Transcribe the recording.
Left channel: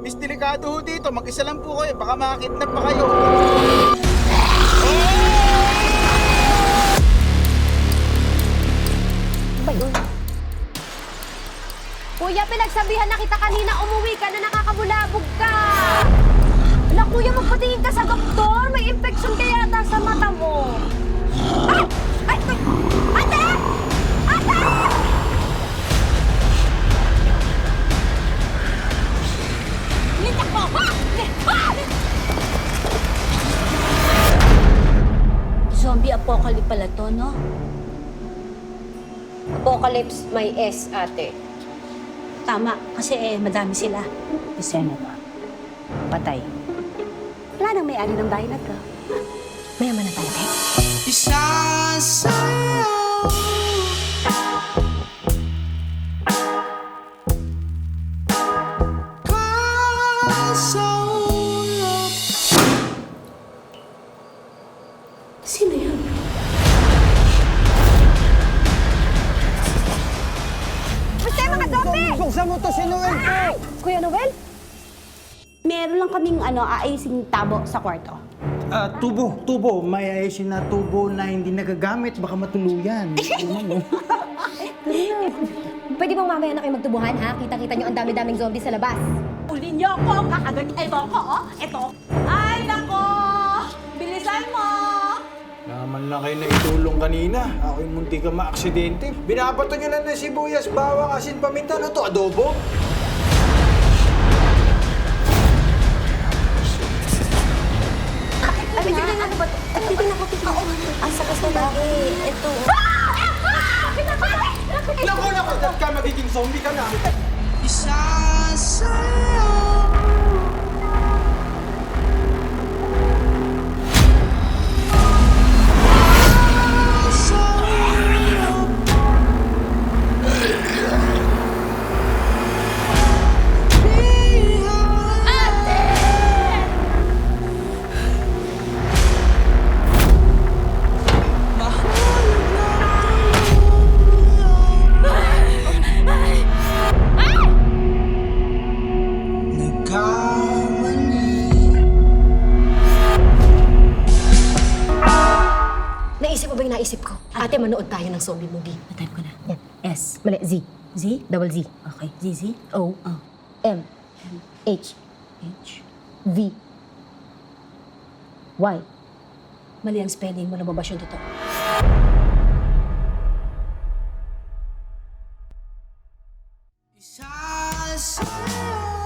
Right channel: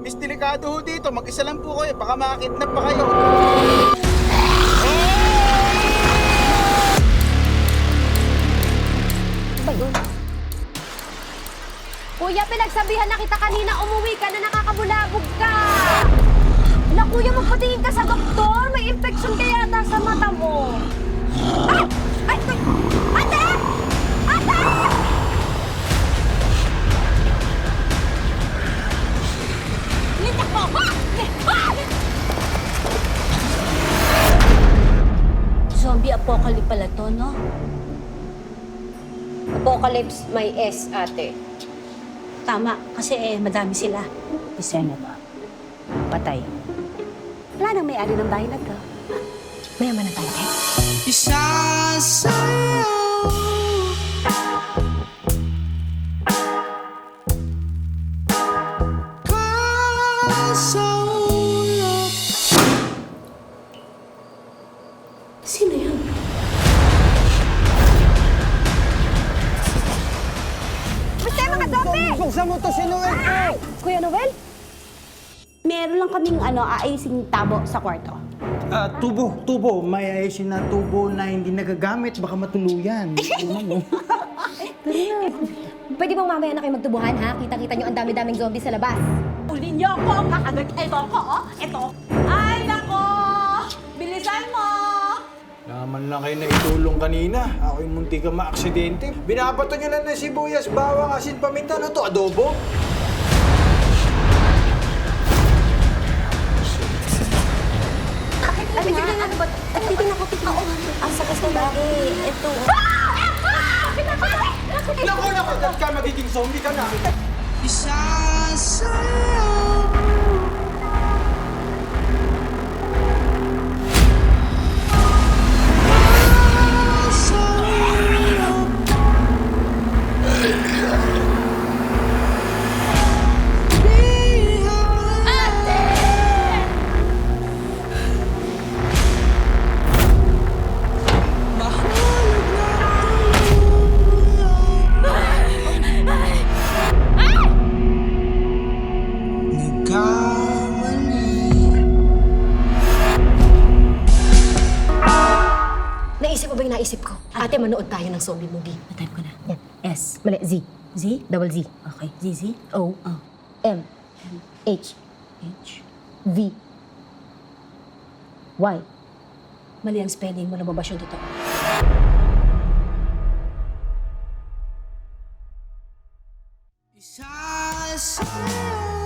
Delikado ho dito. Mag-isa lang po kayo. Baka makakidnap pa kayo. Ano ba yun? Kuya, pinagsabihan na kita kanina umuwi ka na nakakabulabog ka! Ala, kuya, magpatingin ka sa Zombie apocalypse pala to, no? Apocalypse may S, ate. Tama, kasi eh, madami sila. Si Senator. Patay. Wala nang may-ari ng bahay na to. Mayaman na tayo. Sino mga zombie! Buksan mo to si Noel po! Kuya Noel? Meron lang kaming ano, aising tabo sa kwarto. Ah, tubo, tubo. May ayusin na tubo na hindi nagagamit. Baka matuluyan. Ano mo? Pwede bang mamaya na kayo magtubuhan, ha? Kita-kita nyo ang dami-daming zombie sa labas. Uli niyo ako! Kakagat ito ko, oh! Ito! Ay, nako! Lang kayo na itulong kanina. Ako yung munti ka maaksidente. Binabato nyo na ng sibuyas, bawang, asin, paminta. Ano to, adobo? Ay, titignan ano ba? Ay, titignan ko, titignan ko. Ang sakas na lagi. Ito. Naku, naku, ka, magiging zombie ka na. Naisip ba yung naisip ko? Ate, manood tayo ng zombie movie. Natype ko na. Yan. S. Mali, Z. Z? Double Z. Okay. Z, Z? O. Oh. M. H. H. V. Y. Mali ang spelling mo. Lumabas yung totoo. Isa sa'yo